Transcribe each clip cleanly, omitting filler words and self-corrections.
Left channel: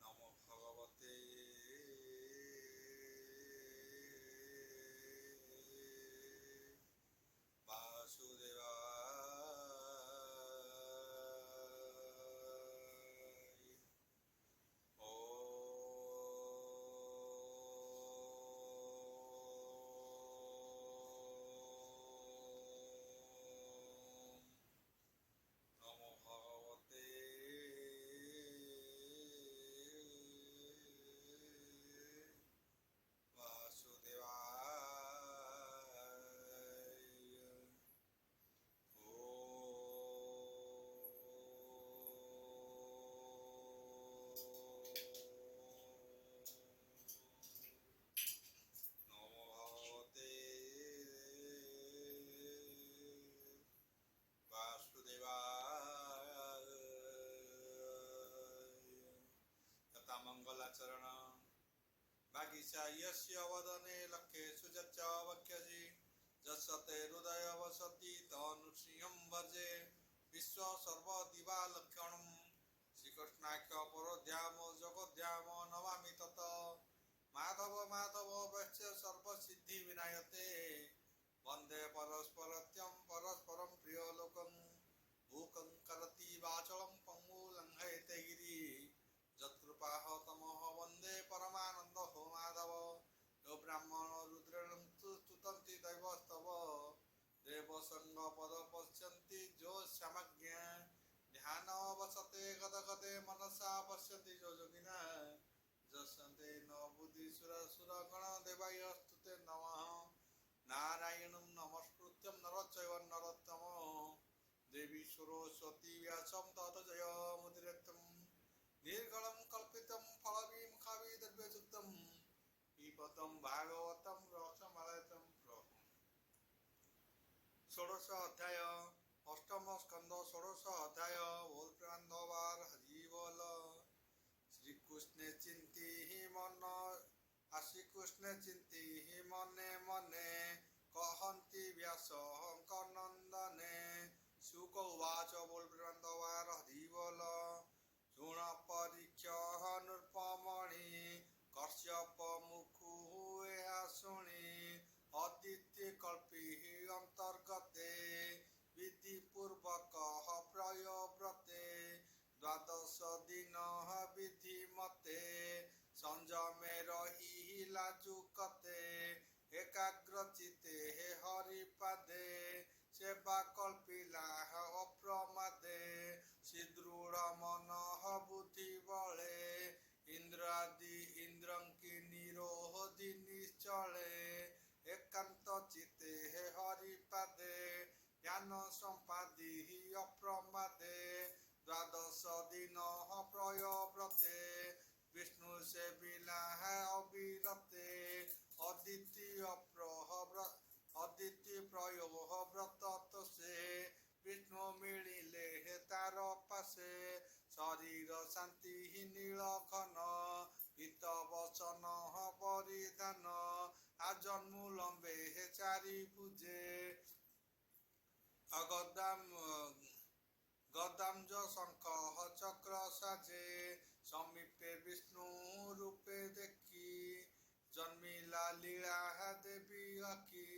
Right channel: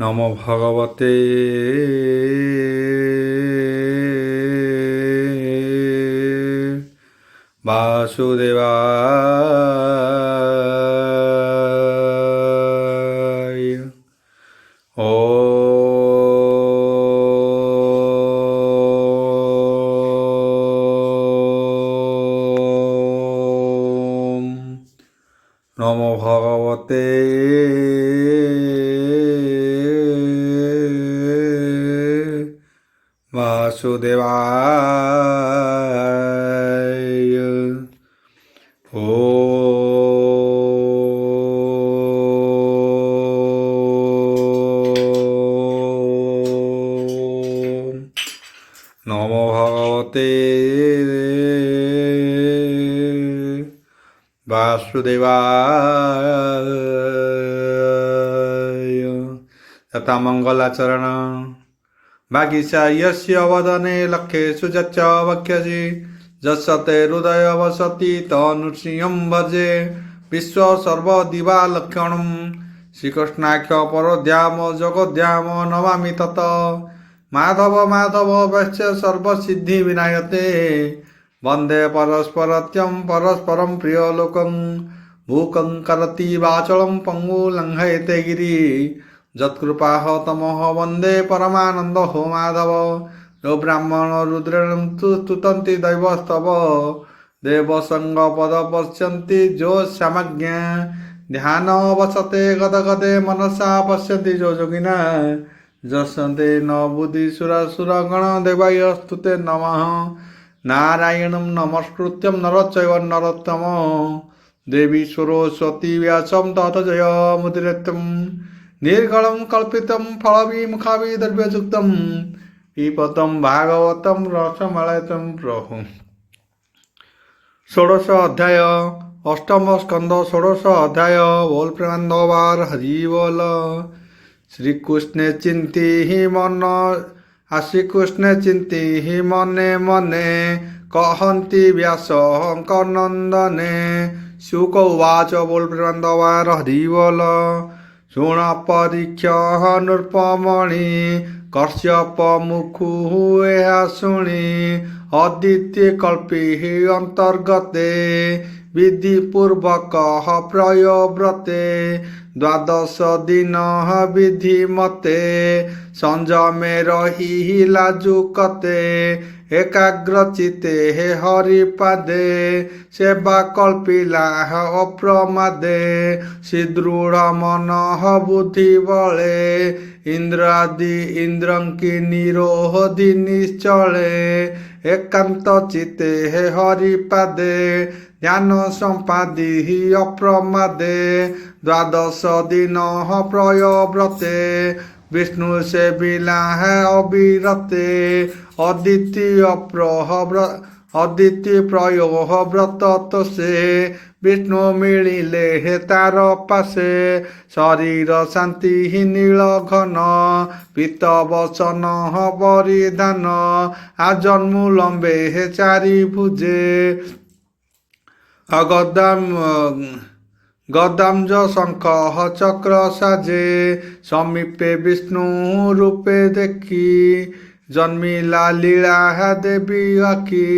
নমো ভগবতে বাসুদেবায়। ওম নমো ভগবতে বাসুদেবায়। ওম নমো ভগবতে বাসুদেবায়। তথা মঙ্গলাচরণ বাগীশা यस्य वदने लक्ष्येषु च वक्ष्यसि यस्य हृदय वसति तनुसिंहं भजे विश्व सर्वदिवालक्षणं श्रीकृष्णाख्य परोध्याम जगद्धाम नमामि तत् माधव माधव वैश्य सर्वसिद्धि विनायते वन्दे परस्परत्यं परस्परं प्रियलोकं मूकं करति वाचलं पङ्गुलङ्घयते गिरि যৎকৃপাহ তমহ বন্দে পরমানন্দ হো মাধব যো ব্রাহ্মণ রুদ্রেণ স্তুতন্তি দৈবস্তব দেবসঙ্গ পদ পশ্যন্তি যো সমজ্ঞা ধ্যান বসতে গদগদে মনসা পশ্যন্তি যো যোগিনা যশন্তে ন বুদ্ধি সুরগণ দেবায় স্তুতে নমঃ নারায়ণং নমস্কৃত্যং নরচৈব নরোত্তম দেবী সরস্বতী ব্যাসং তত জয়মুদীরয়তুম निर्गलं कल्पितं फलविमुखाभिद्रव्ययुक्तं पिबतं भागवतं रसमलयं प्रभु। षोडश अध्याय अष्टम स्कंद षोडश अध्याय बोल प्रेमानंदवार हरि बोल। श्री कृष्ण चिंती ही मन श्रीकृष्ण चिंती ही मने मने कहन्ति व्यास नंदने शुक उवाच बोल प्रेमानंदवार हरि बोल। शुण परीक्ष नृपमणि कश्यप मुखु ଏହା ଶୁଣି ଅଦିତ୍ୟ କଳ୍ପି ଅନ୍ତର୍ଗତେ ବିଧିପୂର୍ବକ ପ୍ରୟବ୍ରତେ ଦ୍ୱାଦଶ ଦିନ ବିଧି ମତେ ସଂଯମେ ରହି ଲାଜୁକତେ ଏକାଗ୍ର ଚିତେ ହରିପାଦେ ସେବା କଳ୍ପିଲା ଅପ୍ରମାଦେ ସୁଦୃଢ଼ ମନ ବୁଦ୍ଧି ବଳେ ଇନ୍ଦ୍ରାଦି ଇନ୍ଦ୍ରଙ୍କି ନିରୋଧି ନିଶ୍ଚଳେ ଏକାନ୍ତ ଚିତେ ହରିପାଦେ ଧ୍ୟାନ ସମ୍ପାଦି ଅପ୍ରମାଦେ ଦ୍ୱାଦଶ ଦିନ ପ୍ରୟବ୍ରତେ विष्णु से बिला है अविरते अदिति प्रयोग व्रत तो से विष्णु मिलिले हे तार पासे शरीर शांति ही नील घन पीत वसन परिधान आजन्मु लंबे हे चारि भुजे अगदाम गदाम्ज शंख चक्र साजे समीपे विष्णु रूपे देखी जन्मिला लीला देवी आखि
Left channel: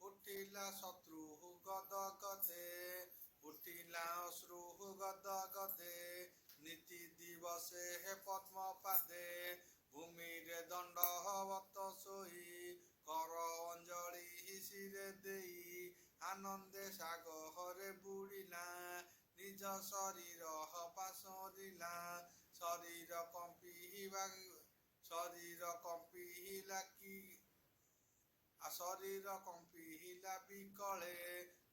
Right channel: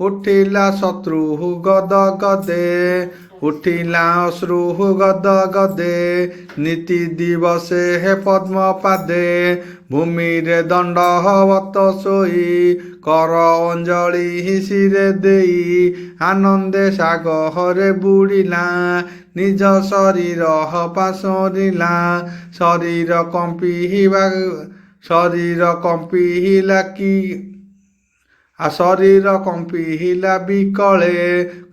उठिला शत्रु गद गदे उठिला अश्रु गद गदे नीति दिवसे हे पद्म पादे भूमि रे दंडवत सोई कर अंजलि शिरे देई आनंदे सागरे बुड़िला निज शरीर पासरिला शरीर कम्पिला विकले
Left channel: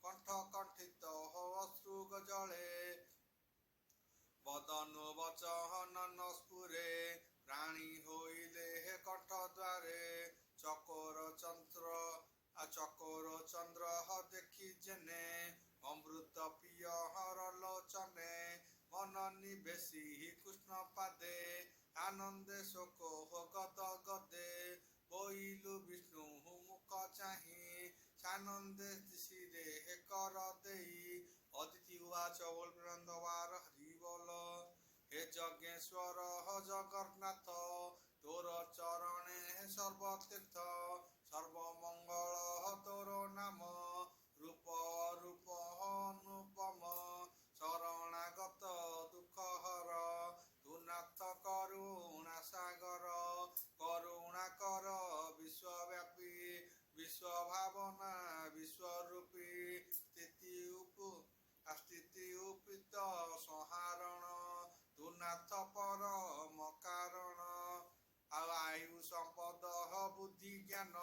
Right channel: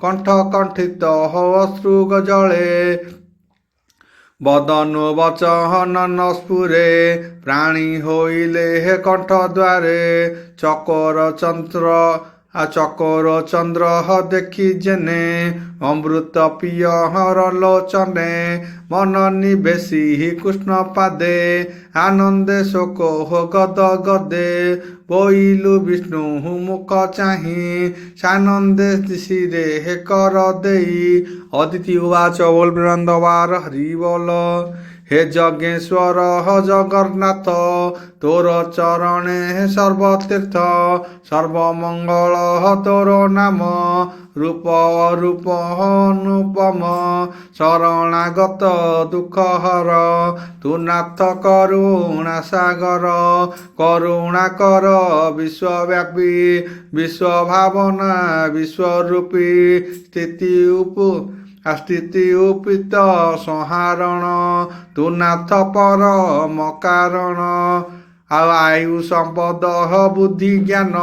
कंठ कंठित अश्रु जले बदनु वचन स्फुरे प्राणी होइले हे कंठ द्वारे चकोर चंद्र ଚକୋର ଚନ୍ଦ୍ର ଦେଖି ଯେନେ ଅମୃତ ପିୟର ଲୋଚନେ ମନ ନିବେଶୀ କୃଷ୍ଣ ପାଦେ ଆନନ୍ଦେ ଶୋକ ଗଦ ଗଦେ ବୋଇଲୁ ବିଷ୍ଣୁ ମୁଖ ଚାହିଁ ସାନନ୍ଦେ ଶିରେ କର ଦେଇ ଅଦିତି ଉବାଚ ବୋଲ ବୃନ୍ଦବାର ହରି ବୋଲ हे যজ্ঞেশ্বর জগন্নাথ তোর চরণে সর্বতীর্থ সর্বমঙ্গল তোর নাম রূপ অরূপ অনুপম শরণাগত দুঃখ হর তু নাথ করুণা সাগর করুণা কর বিশ্বব্যাপী বিশ্বভাবনা বিশ্বরূপী স্থিতি উপীত ସଂହାରଣ ତୁ ନାଥ ପରମ କାରଣ ଆୟୁ ସମ୍ପଦ ବୁଦ୍ଧି ଜ୍ଞାନ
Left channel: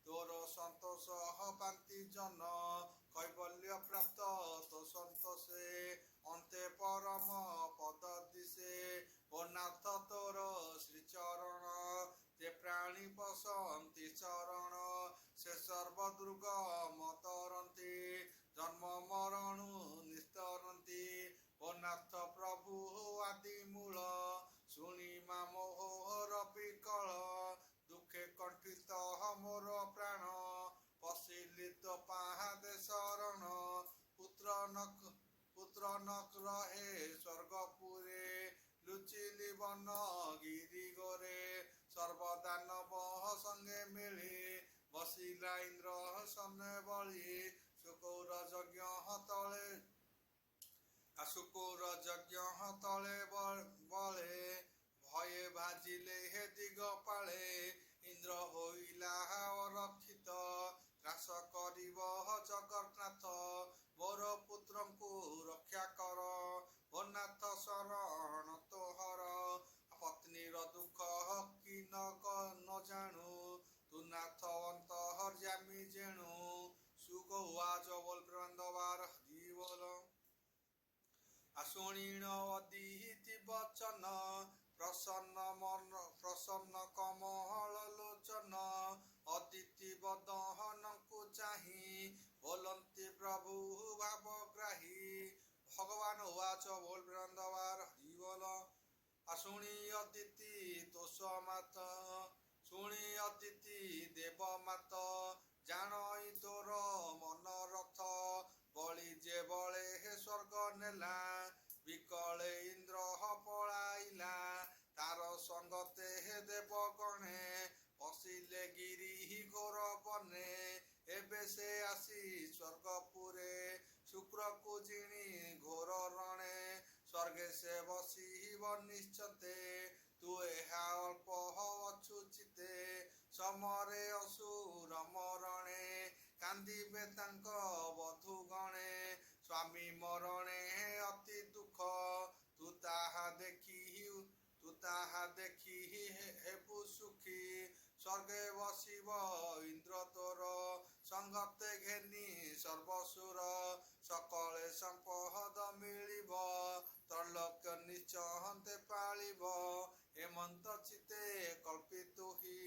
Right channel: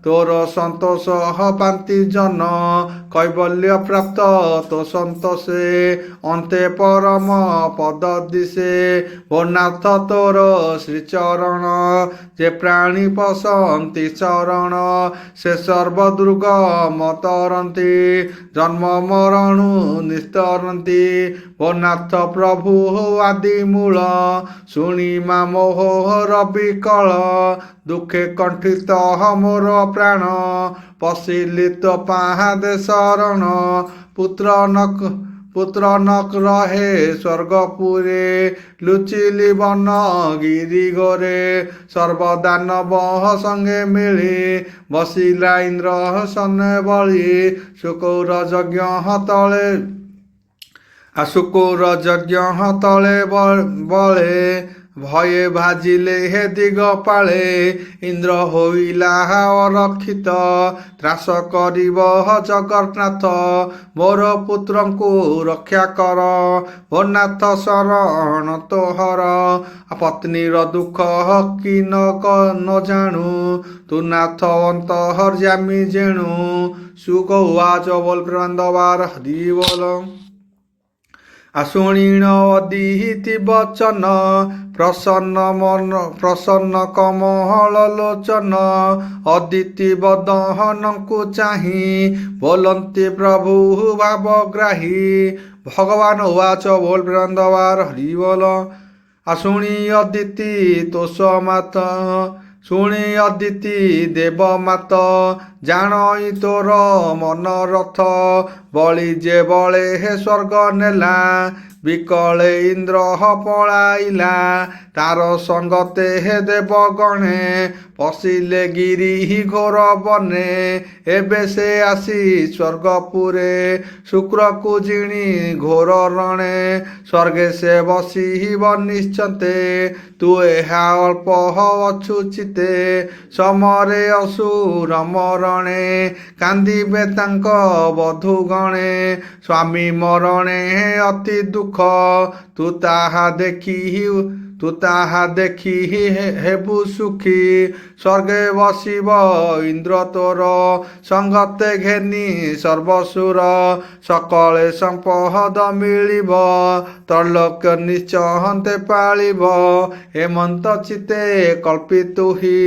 ତୋର ସନ୍ତୋଷ ପାନ୍ତି ଜନ କୈବଲ୍ୟ ପ୍ରାପ୍ତ ତୋ ସନ୍ତୋଷେ ଅନ୍ତେ ପରମ ପଦ ଦିଶେ ଓ ନାଥ ତୋର ଶ୍ରୀଚରଣ ଯେ ପ୍ରାଣୀ ପଶନ୍ତି ଚରଣ ସେ ସର୍ବଦୁର୍ଗମ ତରନ୍ତି ଜନ୍ମ ମରଣୁ ନିସ୍ତରନ୍ତି ଓ ନାଥ ପ୍ରଭୁ ଆଦି ମୂଳ ଶୁଣି ମା ମୋହର ବିକଳ ଦୁଃଖେ କଣ୍ଠିତ ମୋର ପ୍ରାଣ ପଶିଲି ତୋ ପାହାଦେ ଶରଣ ପୁତ୍ର ନକ ରହେ ସ୍ୱର୍ଗପୁରେ ଲୁଚିଲି ବନ ଗିରି ଗୋରେ ସର୍ବଦାନବ ସଙ୍ଗେ ମିଳି ବସିଲା ଇନ୍ଦ୍ର ସନେ ବଳି ଶୁକୌର ଯଜ୍ଞ ତଳେ ବଳେ ভয়ে ভাজিলে হে দিগ পাଳେ ইন্দ্র হইলা অরক্ষিত ত্ରାସ କରିବ ଜଗନ୍ନାଥ ମୋର ପୁତ୍ରଙ୍କୁ ରକ୍ଷା କର ଓ ନାଥ ଶରଣ ତୋହର ପତ୍ନୀର ଦୁଃଖ କି ନ ଜାଣୁ ତୁ ନାଥ ଅନ୍ତର୍ଯ୍ୟାମୀ ଜେଣୁ ସୁକ ଉବାଚ ବୋଲ ବୃନ୍ଦବାର ହରି ବୋଲ ଶୁଣିଣ ଅଦିତି ବଚନ ପ୍ରସନ୍ନ କମଳ ଲୋଚନ ଅଦିତି ବଦନଙ୍କୁ ଚାହିଁ ବୋଲନ୍ତି ପ୍ରଭୁ ଭାବଗ୍ରାହୀ ଭଗବାନ ଉବାଚ ବୋଲ ବୃନ୍ଦବାର ହରି ବୋଲ ଶୁଣି ଅଦିତି ତୋଷ ମାତ ଶୁଣି ଅଦିତି ଦେବ ମାତ ଜାଣଇ ତୋର ମନରଥ ବଳି ଯେ ବଳେ ହେ ସ୍ୱର୍ଗ ନେଲା ବିକଳେ ଇନ୍ଦ୍ର ପଳାଇଲା ତାର ସଙ୍ଗତେ ହେ ଦେବ ଗଣେ ପଶିଲେ ଗିରି ଘୋର ବନେ ଏବେ ସେ ଆସି ସ୍ୱର୍ଗପୁରେ ଶୁକ୍ରକୁ ଜିଣି ଘୋର ରଣେ ସ୍ୱର୍ଗେ ସେ ବସିବ ନିଶ୍ଚନ୍ତେ ତୁ ଏହା ଅଳ୍ପ ଅଛୁ ଚିତେ ସମରେ ଅସୁର ମରଣେ କାନ୍ଦିବେ ତାଙ୍କ ବଧୂ ଗଣେ ସ୍ୱାମୀ ମରଣେ ଅତି ଦୁଃଖ ତୁ ତାହା ଦେଖି ହେବୁ ସୁଖୀ ସ୍ୱର୍ଗେ ବସିବ ଇନ୍ଦ୍ର ତୋର ସଙ୍ଗତେ ଘେନି ସର୍ବସୁର ସକଳେ ସମ୍ପଦ ମିଳିବ ତ୍ରୈଲୋକ୍ୟ ନିଶ୍ଚନ୍ତେ ପାଳିବ ହେମନ୍ତ ଚିତେ କଳ୍ପିତୁହି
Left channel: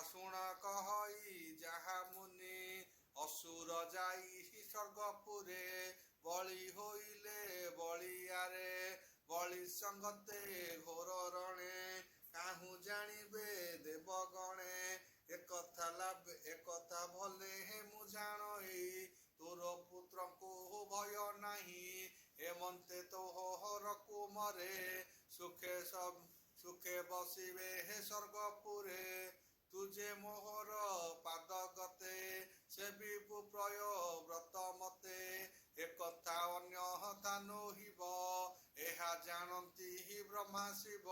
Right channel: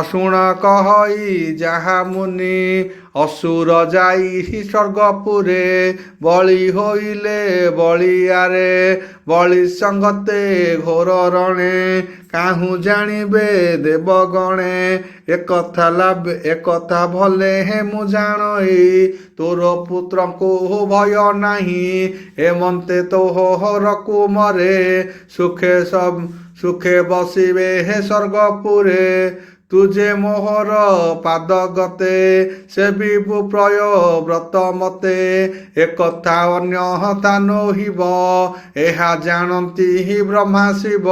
ଶୁଣ କହଇ ଯାହା ମୁନି ଅସୁର ଯାଇ ସ୍ୱର୍ଗପୁରେ ବଳି ହୋଇଲେ ବଳିଆରେ ବଳି ସଙ୍ଗତେ ଘୋର ରଣେ କାହୁଁ ଜାଣିବେ ଦେବଗଣେ ଏକଥା ଭଲେ ହେ ମୁଁ ଜାଣଇ ତୋର ପୁତ୍ରଙ୍କୁ ଭୟ ନାହିଁ ହେମନ୍ତେ ତୋହରକୁ ମରେ ସୁଖେ ବସିବେ ହେ ସ୍ୱର୍ଗପୁରେ ତୁଜେ ମୋହର ପାଦ ଗତେ ସେବିବୁ ପ୍ରୟ ବ୍ରତ ମତେ ଏକଥା ଅନ୍ୟଥା ନୋହିବ ଏହା ଜାଣନ୍ତି ବ୍ରହ୍ମା ଶିବ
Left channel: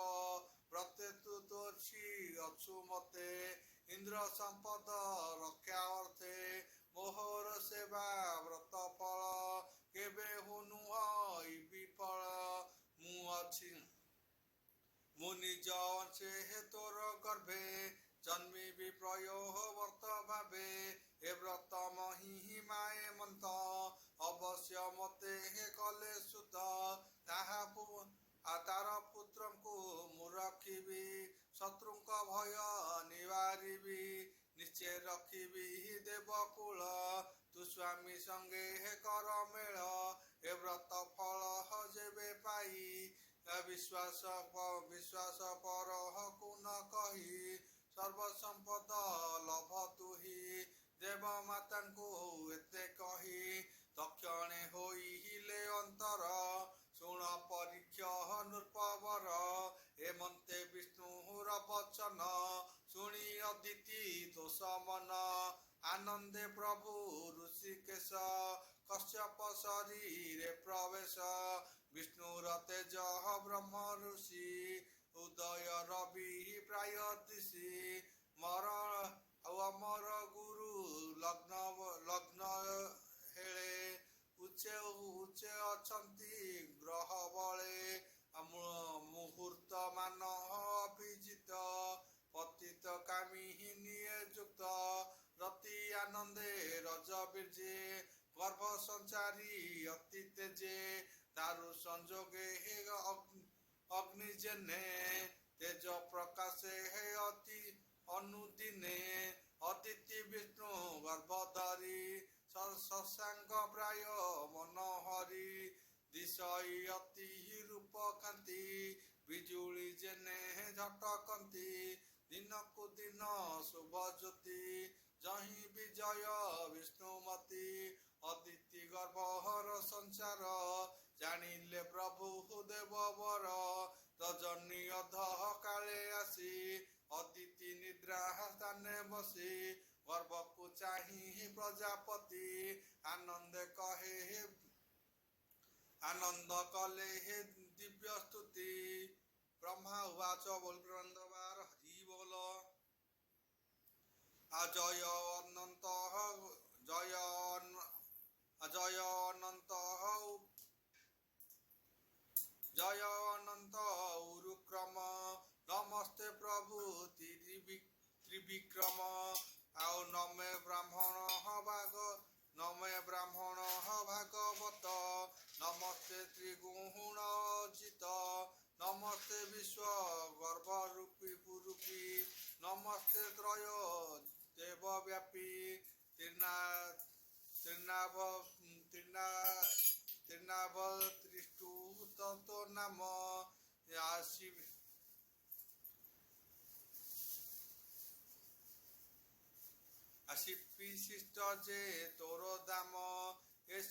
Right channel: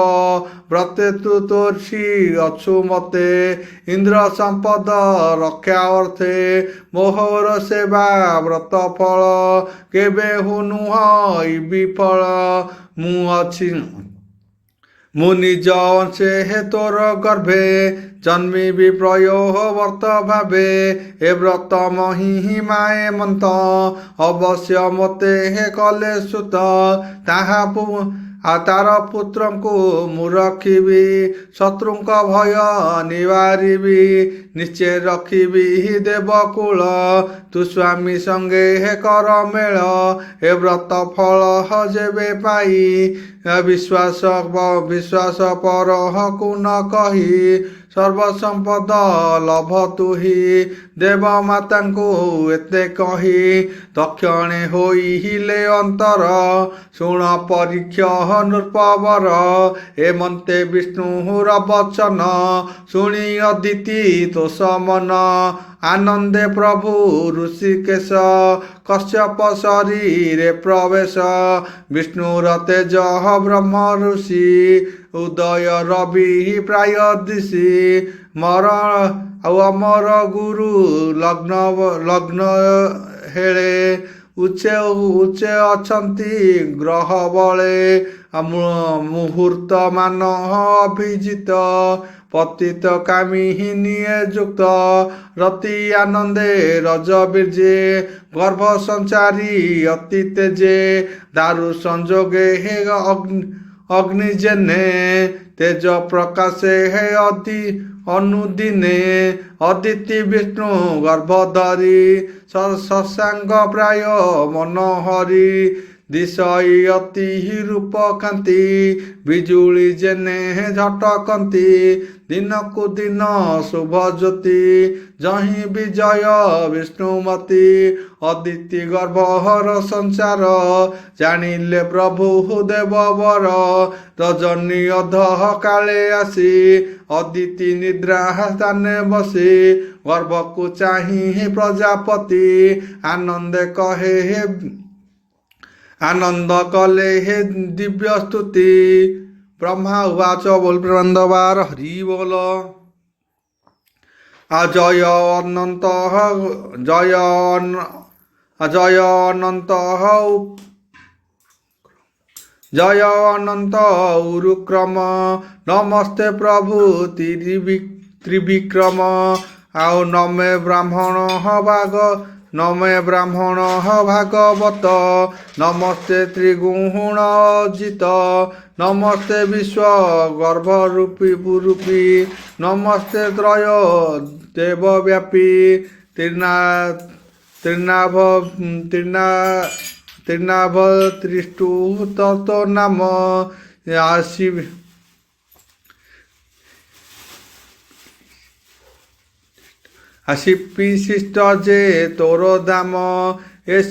ବ୍ରତେ ତୁ ତୋର୍ଷି ଅଛୁ ମତେ ଇନ୍ଦ୍ର ସମ୍ପଦ ରକ୍ଷା ଅର୍ଥେ ମୋହର ସେବା ବ୍ରତ ଫଳ କେବେ ନୁହଁ ବିଫଳ ମୁଁ ନିଜ ଅଂଶେ ହେ ତୋର ଗର୍ଭେ ଜନ୍ମିବି ପ୍ରୟୋବର୍ତ୍ତ ଭାବେ ଏ ବ୍ରତ ମହିମାଏ ମନ୍ତ ଅବଶ୍ୟ ମୋତେ ହେ କଲେ ସୁତ ଆଉ ତାର ପୁତ୍ରଙ୍କୁ ମୁଁ ରଖିବି, ଶତ୍ରୁଙ୍କ ଭୟ ନିବାରିବି, ନିଶ୍ଚୟ ରଖିବି ଦେବକୁଳ, ତୁ ସ୍ୱାମୀ ସଙ୍ଗେ କର ମେଳ, ଏ ବ୍ରତ ଫଳ ଯେବେ ପାଇ, ବିଶ୍ୱାସ ପରକୁ ନ କହି, ସର୍ବସମ୍ପଦ ଲଭ ତୁହି, ଦେବ ମାତାଙ୍କୁ ଏତେ କହି, ତକ୍ଷଣେ ହୋଇଲେ ଅନ୍ତର, ଶୁଣ ପରୀକ୍ଷ ନୃପବର, ଏମନ୍ତେ ବିଷ୍ଣୁର ବଚନ, ଶୁଣି ଅଦିତି ତୋଷ ମନ, ଆନନ୍ଦେ ପ୍ରଭୁ ଋଷିକେଶ, କଶ୍ୟପ ଶରୀରେ ପ୍ରବେଶ, ବିଷ୍ଣୁର ତେଜ ବ୍ରହ୍ମ ଋଷି, ଉଦୟ ରବି ପ୍ରାୟ ଦିଶି, ଆଉ ଅମର ଗୁରୁ ଲଗ୍ନ ହେଳେ, ଉଚ୍ଚେ ଅଛନ୍ତି ଗ୍ରହ ବଳେ, ମୁହୂର୍ତ୍ତ ମାନ ଅଭିଜିତ, ପତିତ କାମିନୀ ଯୁକ୍ତ, ରତି ଆନନ୍ଦେ ରଜ ବୀର୍ଯ୍ୟେ, ଗର୍ଭ ସଞ୍ଚାରୀ ଅତି ତେଜେ, ଦାରୁ ସଂଯୋଗେ ଅଗ୍ନି ଜେନେ, ତେଜ ପ୍ରକାଶେ ଅନୁଦିନେ, ଅଦିତି ବିଷ୍ଣୁ ଗର୍ଭ ଧରି, ଶଶାଙ୍ଗ ପ୍ରାୟ ମନୋହରି, ଦିଶଇ ଅତି ରୂପ କାନ୍ତି, ବିଜୁଳି ଜେନେ ଝଟକନ୍ତି, ଦିନକୁ ଦିନ ଶୁଭ ଜ୍ୟୋତି, ଯହିଁ ବିଜୟ ବିଷ୍ଣୁମତୀ, ଅଦିତି ଗର୍ଭର ସଂସାର, ଜାଣିଲେ ପ୍ରଭୁ ଦେବବର, ରଜନୀ ଅଧ କାଳେ ଆସି, ଅଦିତି ନିଦ୍ରା ସ୍ଥାନେ ବସି, ଗର୍ଭକୁ ଚାହିଁ ପ୍ରଜାପତି, आनंद कले हे दिव्य स्तुति। ब्रह्मा उवाच बोल प्रबंधवार हरि बोल। अजय अनंत उरुक्रम नमस्ते प्रभु त्रिविक्रम। आओ नमे ब्राह्मण भागवत। नमस्ते त्रिगुणजित। नमस्ते विश्व गर्भरूपी। नमस्ते त्रय देवव्यापी। त्रिनाभ त्रिष्टु ततो नाम। आसी विशिष्ट जे तोर दाम। ए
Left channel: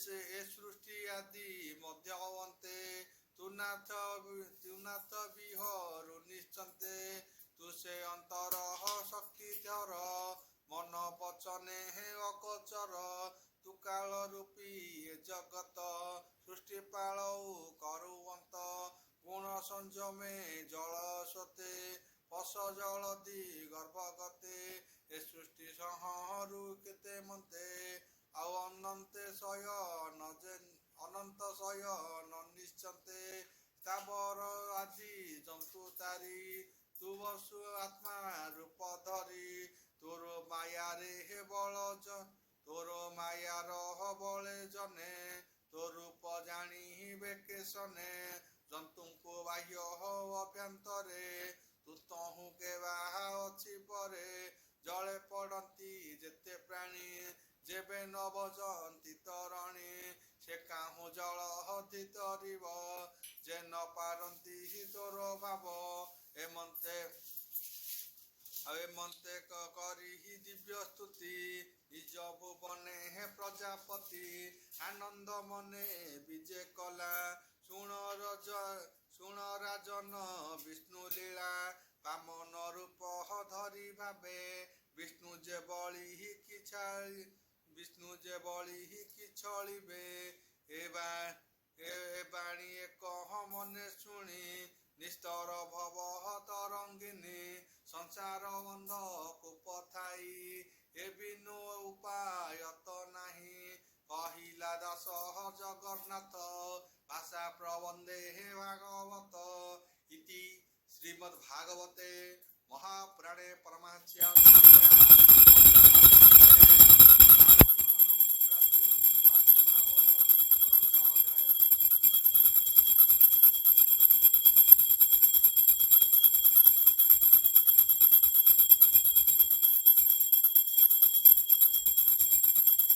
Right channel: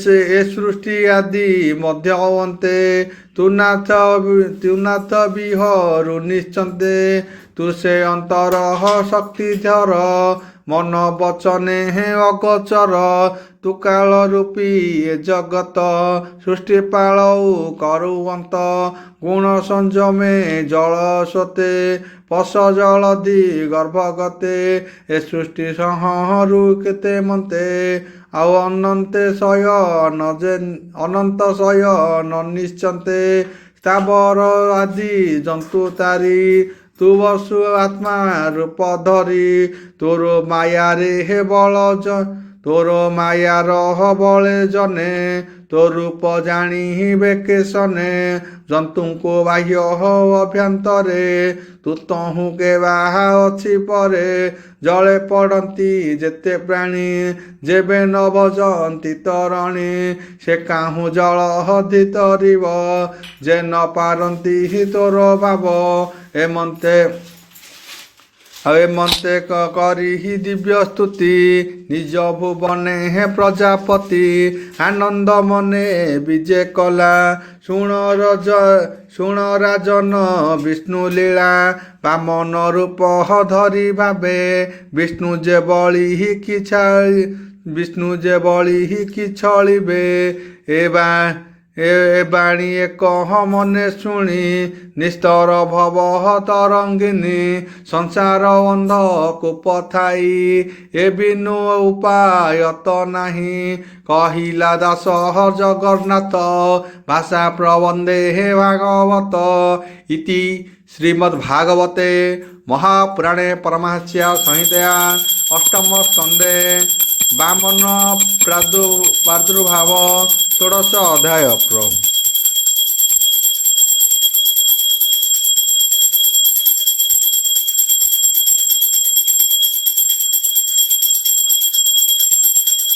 सृष्टि आदि मध्य अन्ते। तु नाथ विहरु निश्चन्ते। तु से अंतर शक्तिधर। मन वचने अगोचर। तु काल रूपी जगत। सृष्टि पालौ करुवंत। गुण संजमे जल सोते। पश जलधि गर्भगते। ए सृष्टि संहरू केते मन्ते। आउ अनंत शयन निश्चन्ते। स्थावर आदि जंतु तारी। तु वसु आत्मा रूप धरी। तोर माया रे हे बल तोर माया रह बले जने। तो रूप जानी बेकेशने। जंतु को बाह्य अभ्यंतरे। तु तहु के बाहा अच्छी परे। जले पड़ती जेते प्राणी। जेबे न भजंती तरणी। से काहू जल हधि तरिब। जे न पारती तोर भाव। एमंते करी दिव्य स्तुति। निज भुवने हे प्रजापति। आनंद मने विजय कला। शुण राजन विष्णु लीला। वामन रूप धरी भावे। विष्णु जे बळी कि छळिबे। ए बाणी एक मने शुणी। निस्तर भव तरंगिनी। संसार अंध कूप थाई। ए बिनु उपाय तो नाही। कहिला दास जगन्नाथ। भाषा प्रबंधे हे भागवत। इति श्रीमद्भागवते महापुराणे परमहंस्या संहितया अष्टम स्कंदे वामन प्रादुर्भाव 16 अध्याय।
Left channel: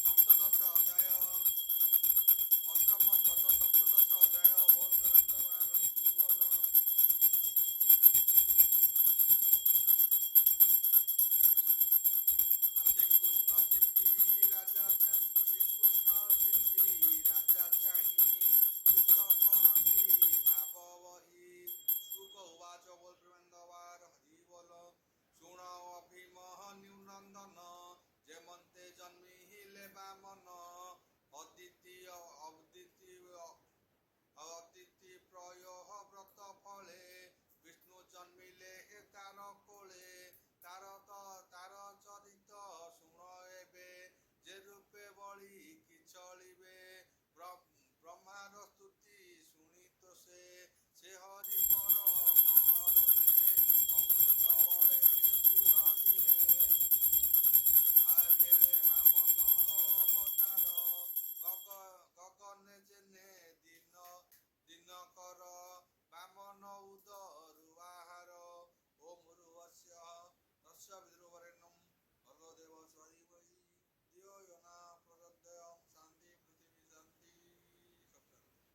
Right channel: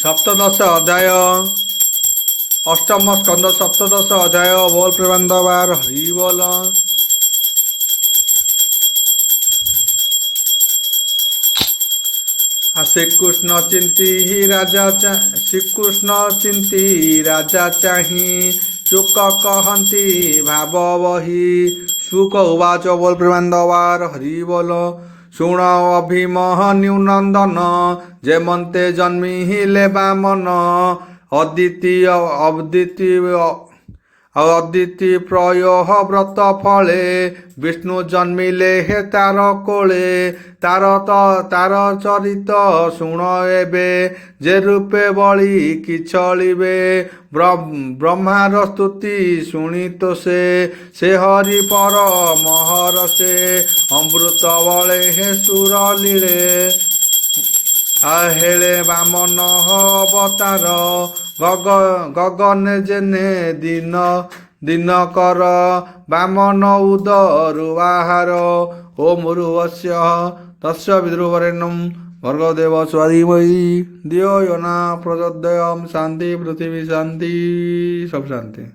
ସପ୍ତଦଶ ଅଧ୍ୟାୟ ଅଷ୍ଟମ ସ୍କନ୍ଦ ସପ୍ତଦଶ ଅଧ୍ୟାୟ ବୋଲ ପ୍ରେମାନନ୍ଦବାର ହରି ବୋଲ। ଶ୍ରୀକୃଷ୍ଣ ଚିନ୍ତି ରାଜା ଚାହିଁ ଶୁକ କହନ୍ତି ଭାବ ବହି। ଶୁକ ଉବାଚ ବୋଲ ପ୍ରେମାନନ୍ଦବାର ହରି ବୋଲ। ଶୁଣ ଅଭିମନ୍ୟୁ ନନ୍ଦନ ଯେମନ୍ତେ ଜନ୍ମିଲେ ବାମନ। ଅଦିତି ପ୍ରୟୋହ ବ୍ରତ ଫଳେ ବିଷ୍ଣୁ ଜନ୍ମିଲେ ହେ ତାର କୋଳେ। ତାର ଚରିତ ଶୁଣ ଏବେ ଯେ ରୂପେ ବଳି କି ଚଳିବେ। ବ୍ରହ୍ମାର ସ୍ତୁତି ଶୁଣି ତ ସେ ହରି ପର ମହର ସେ। ଅମୃତ ବଳେ ହେ ସୁର ଲୀଳେ ହେଳେ ବାମନ ଅବତାର। ଗଗନେ ଜେନେ ଦିନ କର ବାମନ ଉଦରୁ ଆହାର। ଓମ୍ ଭୂର୍ଭୁବସ୍ୟ ତସ୍ୟ ବିଦୁର୍ବରେଣ୍ୟଂ ଭର୍ଗୋ ଦେବସ୍ୟ ଧୀମହି ଧିୟୋ ୟୋ ନଃ ପ୍ରଚୋଦୟାତ୍। ଶାନ୍ତି ପୃଥିବୀ ଶାନ୍ତି, ସବୁ ଶାନ୍ତି।